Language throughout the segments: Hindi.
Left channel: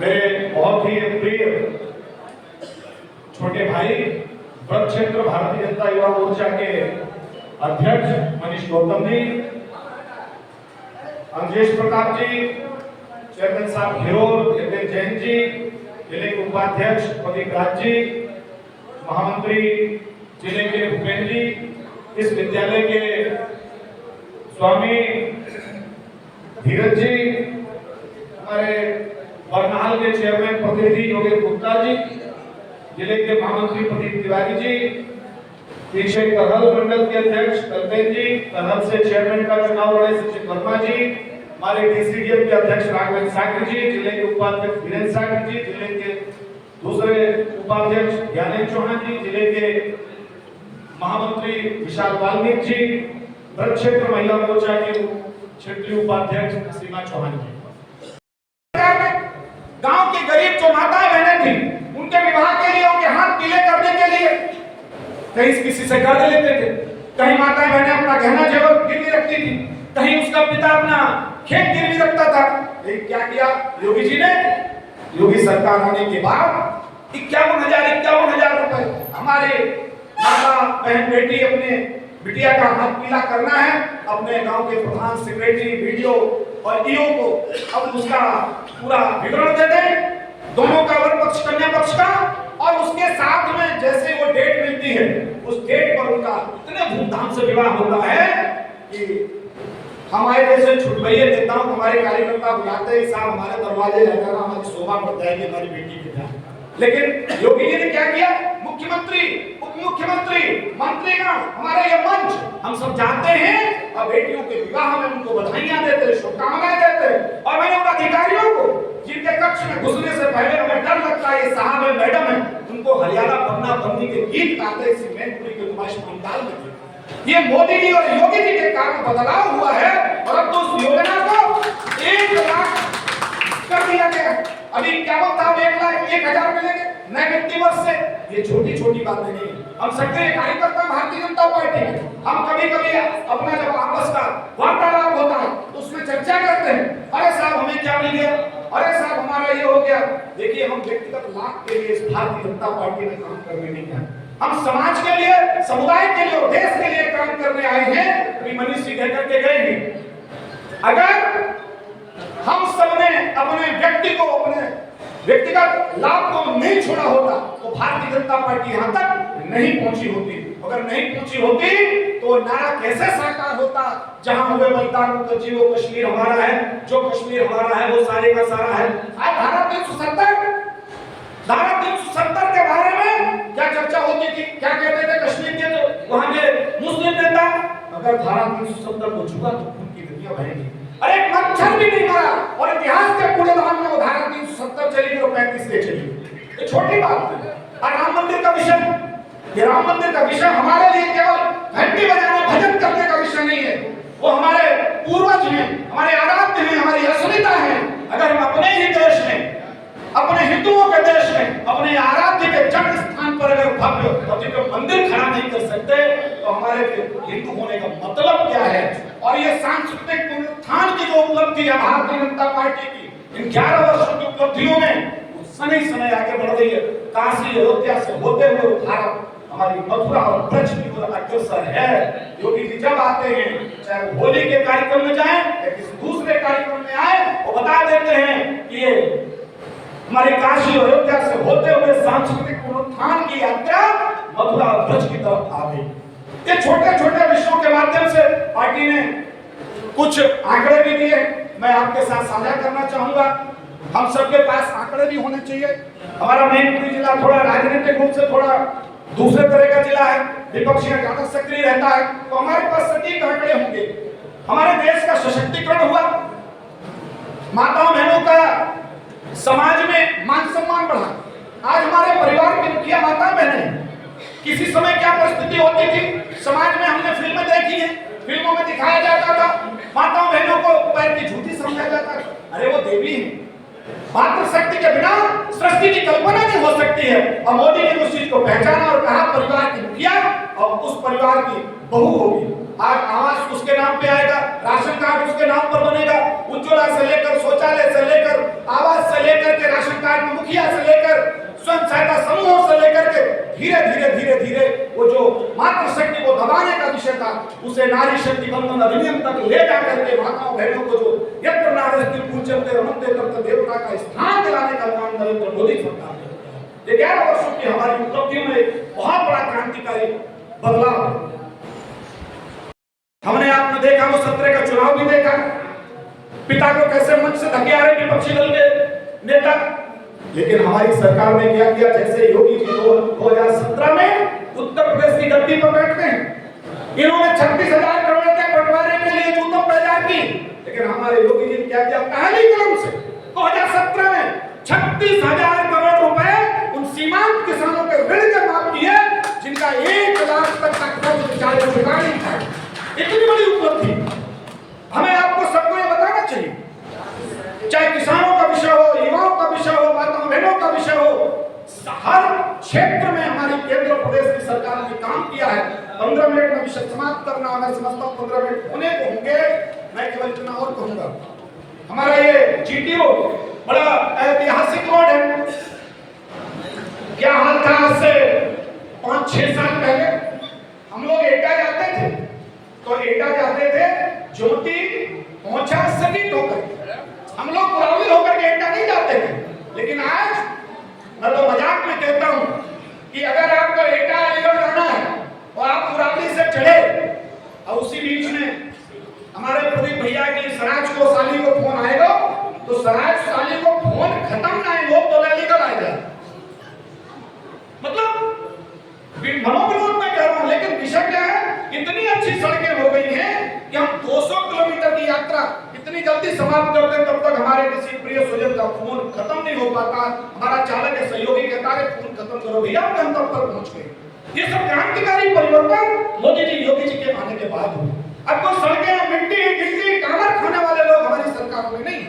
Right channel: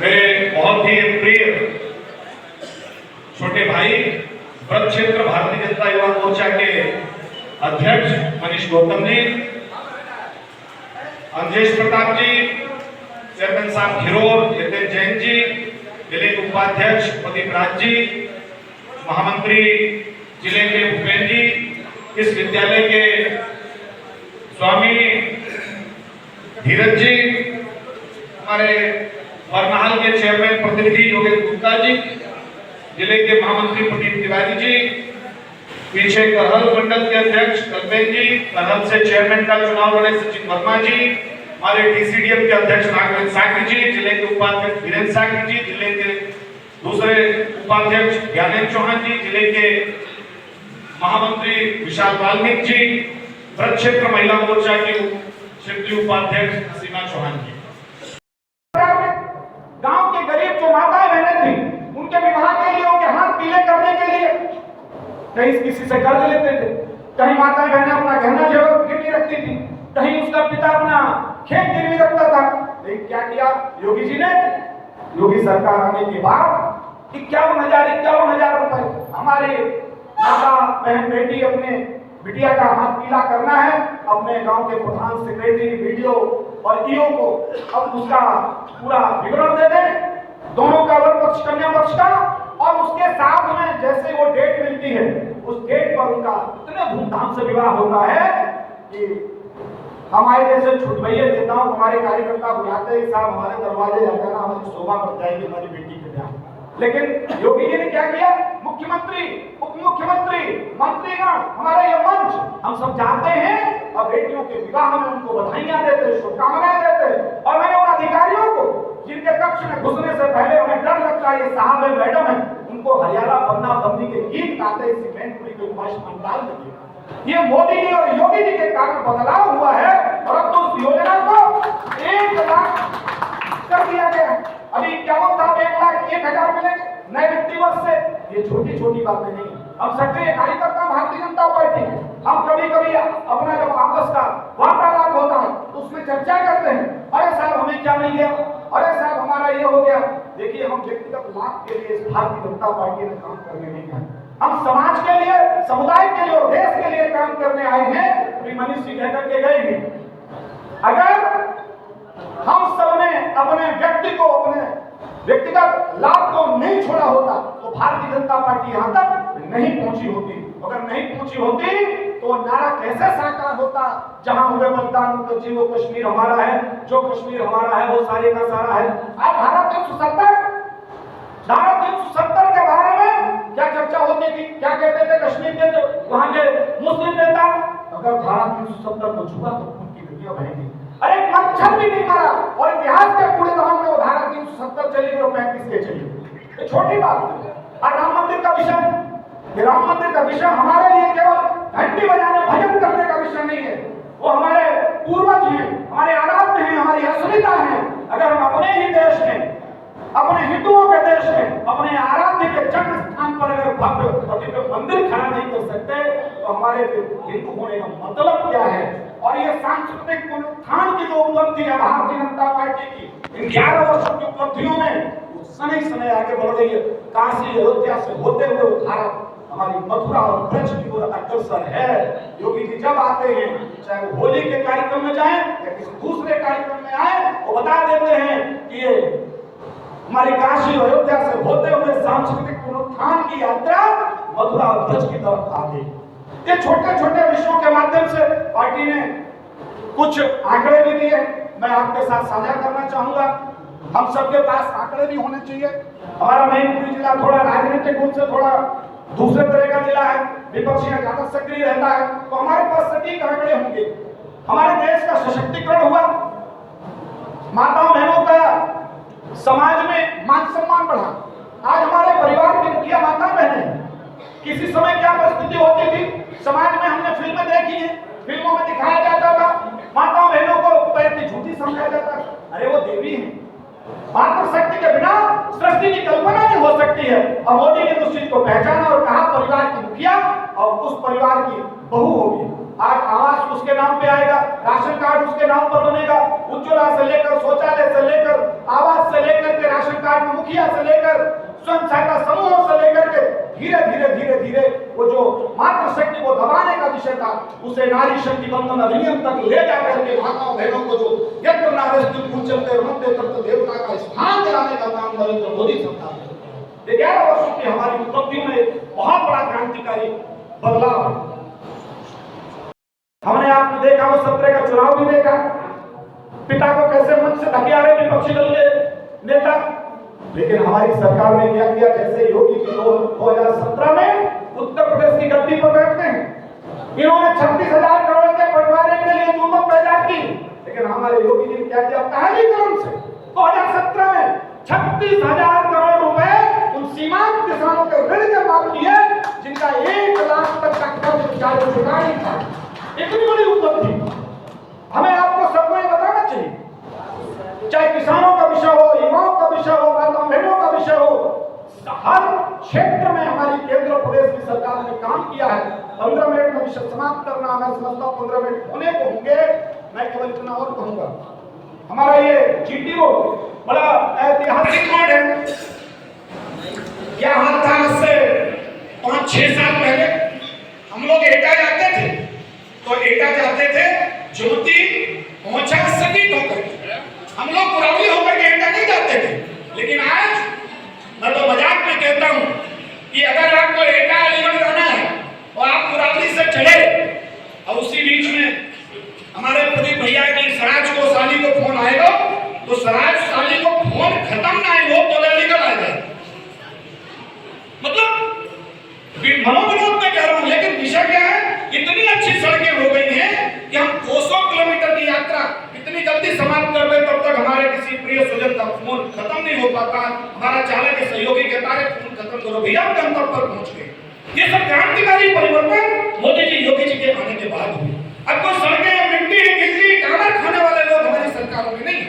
मेरे बहुत ही प्रिय छोटे भाई ब्रज क्षेत्र भारतीय जनता युवा मोर्चा के अध्यक्ष मनीष गौतम जी, अंजेश प्रताप जी, चेयरमैन साहब खिरोर जितेंद्र जैन जी, जिले के उपाध्यक्ष प्रदीप राज जी, महामंत्री जिले के भूपेन जी, इस विद्यालय के स्वामी धीरज जी, हमारे बरनाल के चेयरमैन प्रतिनिधि योगेश गुप्ता जी, जिले के महामंत्री प्रदीप तिवारी जी, पीछे करहल मंडल के अध्यक्ष कल्पेन जी, करहल से चेयरमैन का चुनाव लड़े सचिन वर्मा जी, हमारे डीसीडीएम के अध्यक्ष राघवेंद्र साकरी जी, जिले के उपाध्यक्ष वीरेंद्र साकरी जी, जिले के दूसरे उपाध्यक्ष ज्ञानेंद्र चौहान जी, जिले के महामंत्री विशाल वाल्मीकि जी, ब्रज क्षेत्र महिला मोर्चा की क्षेत्रीय उपाध्यक्ष सीमा चौहान जी। गांव के गरीब जो माताएं बहनें थी, उनके विवाह के लिए, उनके हाथ पीले करने के लिए कहीं किसी से कर्ज लेते थे, कहीं माताएं बहनें अपना गहना जेवर गिरवी रखती थी, कहीं उसका पिता अपना खेत गिरवी रखता था। लेकिन क्या किया योगी जी ने? योगी सरकार आने के बाद 51,000 रुपए हमारे माता बहन बेटी अपने बिटिया का हाथ पीला करना है, अपने गांव के प्रधान सेक्रेटरी वीडियो और ईओ को अब उसका पूरा विवरण दे दें, दोनों का वर पक्ष कन्या पक्ष का, और उसके साथ में जैसे वो डेट मिलती है उस डेट पर उनका इतने धूमधाम से विवाह होता है कि हमारे जैसे छुटभैये नेताओं को हमारे कार्यकर्ता बुलाते हैं, साहब हमारे दरवाजे जाकर हमारी शोभा बढ़ जाएगी हमारी बेटी के ब्याह। लेकिन योगी जी ने क्या किया? मुख्यमंत्री, उप मुख्यमंत्री, मंत्रीगण, हमारे ये मंच, हम सब जाते हैं और बेटियों के विवाह में उनको बधाइयां देते, शुभकामनाएं देते, और मैंने उन अधिकारियों को जिनके कक्ष में घुसने से पहले हमें डर लगता है ये साहब है मैडम है, उनको हरियाणा पन्ना पन्नी के गीत गाते इसी मैनपुरी के नुमाइश पंडाल में थे। ये मोदी जी और योगी जी के कारण बदलाव हुआ है और अब तो उस योजना को 1 लाख कर दिया गया। अभी क्या बोलता है 1,01,000 मिलेंगे नए वित्तीय वर्ष से। ये छोटी छोटी बातें नहीं, हम सक्रिय कार्यकर्ता भारतीय जनता पार्टी के, हम कभी कभी अपना जब आपस का वार्तालाप होता है तो उसमें चर्चा करते हैं, अरे साहब हमें क्या मिल गया, अरे साहब हमारा ये हो गया। देखिए हम व्यक्तिगत लाभ के लिए इस भारतीय जनता पार्टी में काम करने नहीं आए, हम समाज के लिए, समुदाय के लिए और देश के लिए काम करने आए हैं। अभी मनीष जी कह करके गए हैं, अगर हम सबने अपने व्यक्ति को, अपने व्यक्तिगत लाभ को नहीं छोड़ा होता तो भारतीय जनता पार्टी यहां तक नहीं पहुंची होती। अगर नहीं पहुंची होती तो नारा कैसे साकार होता, जहां हुए मतदान तो जी वो कश्मीर हमारा है, जो कश्मीर हमारा है वो सारे का सारा है। आज धारा 370 के बारे में क्या चर्चा होती थी, क्या कहते थे कश्मीर के जो वहां के मुस्लिम नेता, अगर धारा 370 को छुआ तो खून की नदियां बहेंगी। अरे एक मच्छर भी नहीं मरा और इतिहास के कूड़ेदान में वो धारा 370 चली और 35 ले चली। ये छोटी बात है। और राम मंदिर का विषय, ये राम मंदिर का विषय हमारे लिए केवल घंटी बजाने भजन करने का विषय नहीं है, वो हमारे पूर्वज हैं, हमारे आराध्य हैं, हमारी अस्मिता है। अगर हम अपने ही देश में, अपने हिंदुओं के देश में, अपने आराध्य के जन्म स्थान पर अगर भव्य और मंदिर खड़ा नहीं कर सकते तो हमारे हिंदू होने का मतलब क्या है? और ये सांस्कृतिक पुनरुत्थान की जो उपलब्धि है भारतीय जनता पार्टी की इन 11 वर्षों की उपलब्धियों में समय आगे बढ़ रही है। काशी अयोध्या से होते हुए भारत हमारी मथुरा और ब्रज की ओर अग्रसर है। योगी जी जब आते हैं, चाहे वो होली के कार्यक्रम में जाएं या किसी दूसरे कार्यक्रम में आए, वो बता देते हैं कि ये हमारी काशी अयोध्या से होते हुए सांस्कृतिक पुनरुत्थान की यात्रा मथुरा और ब्रज की तरफ आ गई। ये छोटे छोटे विषयों के माध्यम से पार्टी ने कुछ आंकड़े भी दिए, मैं आपके साथ साझा करना चाहूंगा। हम सबके पास आंकड़े भी होने चाहिए। हमारा मैनपुरी जिला थोड़ा राजनीतिक रूप से थोड़ा दूसरे तरह का जिला है, विपक्षी ज्यादा सक्रिय रहता है, तो हमारे पास सटीक आंकड़े होंगे। हमारे देश का सशक्तिकरण हुआ, माताओं बहनों का समाज में मान सम्मान बढ़ा। आज हमारे परिवार की मुखिया माता बहनें, किसी समय क्या परिस्थिति होती थी समाज में, हमने फिल्में देखी है, फिल्मों में दिखाया जाता था माताओं बहनों को पैर की झूठी समझा जाता है। अरे वो देवी है, मातृशक्ति के बिना सृष्टि की कल्पना नहीं हो सकती है। और मोदी ने उस चीज को पहचाना और कहा परिवार की मुखिया और उस परिवार की बहू होगी। आज आवास उसके नाम पे आएगा, राशन कार्ड उसके नाम पर बनेगा, उज्ज्वला से लेकर शौचालय से लेकर आवास से लेकर के राशन स्वयं सहायता समूहों से लेकर के धीरे धीरे धीरे धीरे वो जो मातृशक्ति को दबाने का विषय था, उसे नारी शक्ति बंधन अधिनियम तक ले जाकर के माताओं बहनों को जो यत्र नारीस्ति पूज्यते रमन्ते तत्र देवता का स्थान दिलाने का काम नरेंद्र मोदी सरकार ने। 11 वर्षों की हमारी उपलब्धियों में एक बहुत बड़ा क्रांतिकारी बदलाव है। हमने आपने देखा वो 17 का चुनाव भी देखा, पिता को कैसे मंच से धके आ रहे विपक्षी दल के नेता, लेकिन हमारी सरकार ने क्या किया, जैसे योगी जी 2017 में उत्तर प्रदेश की गद्दी पर बैठते हैं, इन्होंने 36,000 करोड़ के बंटवारे के लिए जूतों पैदा की, लेकिन हमारे योगी जी ने क्या किया, पहली कलम से 2017 में 36,000 करोड़ रुपए उन सीमांत किसानों के ऋण के माफ किए जिनका 1 लाख तक का कर्ज बेचारे चुका नहीं था। इतनी बड़ी उपलब्धि हमें आपको सबको ये बताना चाहिए, चाहे किसानों का विषय हो, युवाओं का विषय हो, माताओं बहनों का विषय हो, हर क्षेत्र में हमारी केंद्र प्रदेश की सरकार ने काम किया है। 15 मिनट में विषय समाप्त करना, मैं समझता हूँ 15 मिनट होने को होंगे, मैं केवल इतना और कहूंगा, हमारा ये जीटी रोड बड़ा ऐतिहासिक रोड है। क्या हाल था आज से 5-6 साल पहले हम लोग एटा जाते थे, तो एटा जाते थे ज्योति पहुंचा सटीक होकर, हम लोग पुरावली होकर के एटा नहीं जाते थे। लेकिन आज मैं तो मजाक में कहता हूं कि अगर आपको एटा अलीगढ़ जाना है और आप पुरावली से चले और उसी बीच में हमारे प्रदीप भैया की सराज को साली को फोन आएगा, तो सराज साली को फोन खत्म ना हो तो अलीगढ़ आ जाए। मतलब मनोविनोद में कह रहा हूं, लेकिन विषय क्या है, इतनी अच्छी सड़कें हो गई हैं कि हम 200 किलोमीटर की यात्रा इतनी जल्दी समाप्त कर दें, तब तक हमारे किसी प्रिय स्वजन का फोन खत्म नहीं हो पाता। हमारा चालक के सहयोगी कहता है फोन खत्म करो भैया, हम गंतव्य पर पहुंच गए। ये सब क्रांतिकारी परिवर्तन मोदी जी योगी जी के आने के बाद हुई। अब तो सड़कें मिट्टी गिट्टी टावर खाने वाले लोग हमारी सरकारों में नहीं,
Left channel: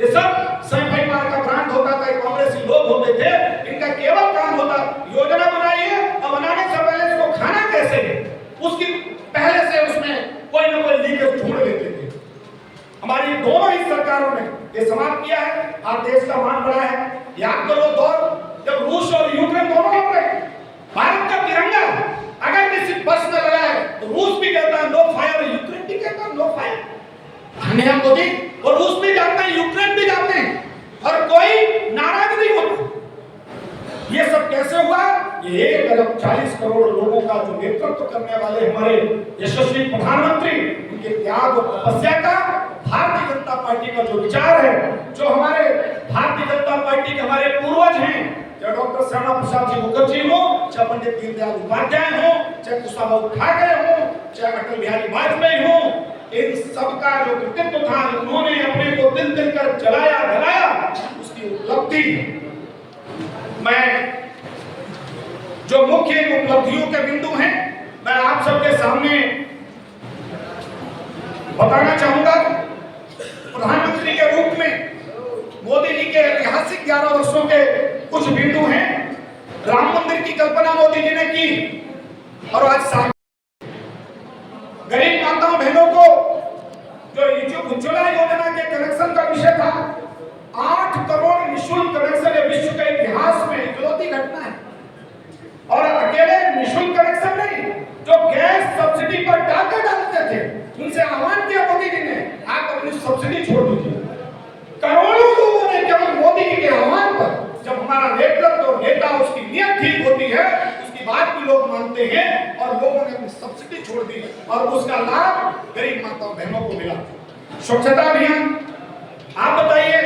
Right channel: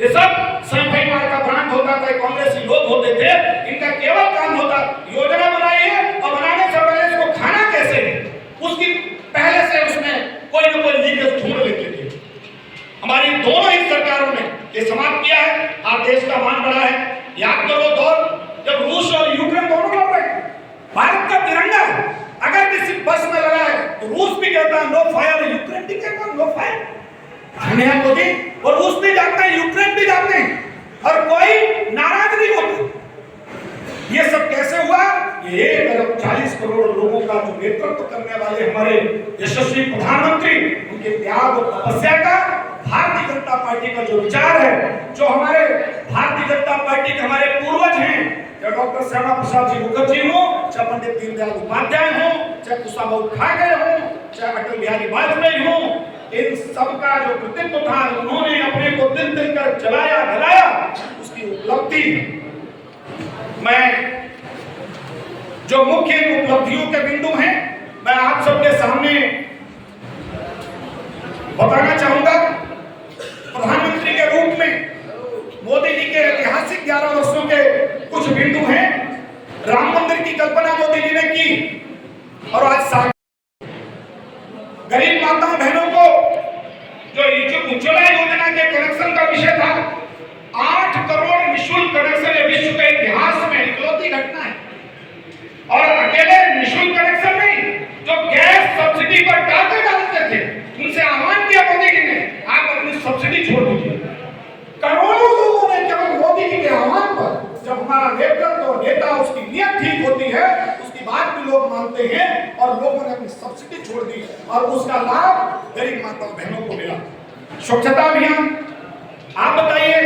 ये सब सैफई मार का ब्रांड होता था, कांग्रेसी लोग होते थे, इनका केवल काम होता योजना बनाइए और बनाने से पहले इसको खाना कैसे है उसकी पहले से उसमें कोई ना कोई लीकेज ढूंढ लेते थे। हमारी दोनों ही सरकारों ने ये समाप्त किया है। आज देश का मान बढ़ा है। याद करो दौर जब रूस और यूक्रेन दोनों लड़ रहे, भारत का तिरंगा अगर किसी बस में लगा है तो रूस भी कहता है नो फायर, यूक्रेन भी कहता है नो फायर। धन्यवाद मोदी, और रूस भी जानते हैं, यूक्रेन भी जानते हैं, और कोई नाराज नहीं होता। ये सब कैसे हुआ? ये 1,40 करोड़ लोगों का जो नेतृत्व करने वाले हमारे यशस्वी प्रधानमंत्री, उनके त्याग और तपस्या का, भारतीय जनता पार्टी का जो विचार है, जो हमारे भारतीय जनता पार्टी के हमारे पूर्वज हैं, चाहे डॉक्टर श्यामा प्रसाद जी मुखर्जी हो, चाहे पंडित दीनदयाल उपाध्याय हो, चाहे कुशाभाऊ ठाकरे हो, चाहे अटल बिहारी वाजपेयी हो, इन सबका जो कृतित्व था, उन्होंने अपने को दिल दिल कर जलाया जलाया, उसकी उपलब्धि मैं जो मुख्य उपलब्धियों के बिंदु हैं मैं आप सबके सामने बताना चाहूंगा। प्रधानमंत्री के रूप में मोदी जी के ऐतिहासिक 11 वर्षों के कुछ बिंदु हैं। राम मंदिर की कल्पना मोदी जी ने की और आज गरीब माताओं बहनों को जो उज्ज्वला योजना के कनेक्शन का विषय था, 8 करोड़ निःशुल्क कनेक्शन विश्व के इतिहास में इकलौती घटना है। और अकेले निःशुल्क कनेक्शन नहीं, जो गैस सब्सिडी पर डालते थे उनसे आह्वान किया मोदी जी ने, आप अपनी सब्सिडी छोड़ दीजिए। करोड़ों लोगों ने केवल मोदी जी के आह्वान पर, जब हमारा नेतृत्व नेता उसकी नीयत ठीक होती है, उसकी बात भी लोग मानते हैं, और लोगों ने अपनी सब्सिडी छोड़ दी और उसका लाभ गरीब माताओं बहनों को मिला। स्वच्छता अभियान, आप बताइए,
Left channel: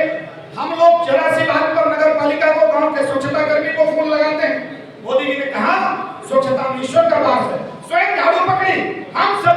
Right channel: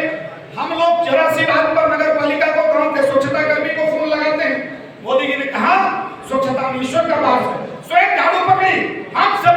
हम लोग 84 बात पर नगर पालिका को, गांव के स्वच्छता कर्मी को फोन लगाते हैं। मोदी जी ने कहा स्वच्छता ईश्वर का वास है, स्वयं झाड़ू पकड़ी, हम सब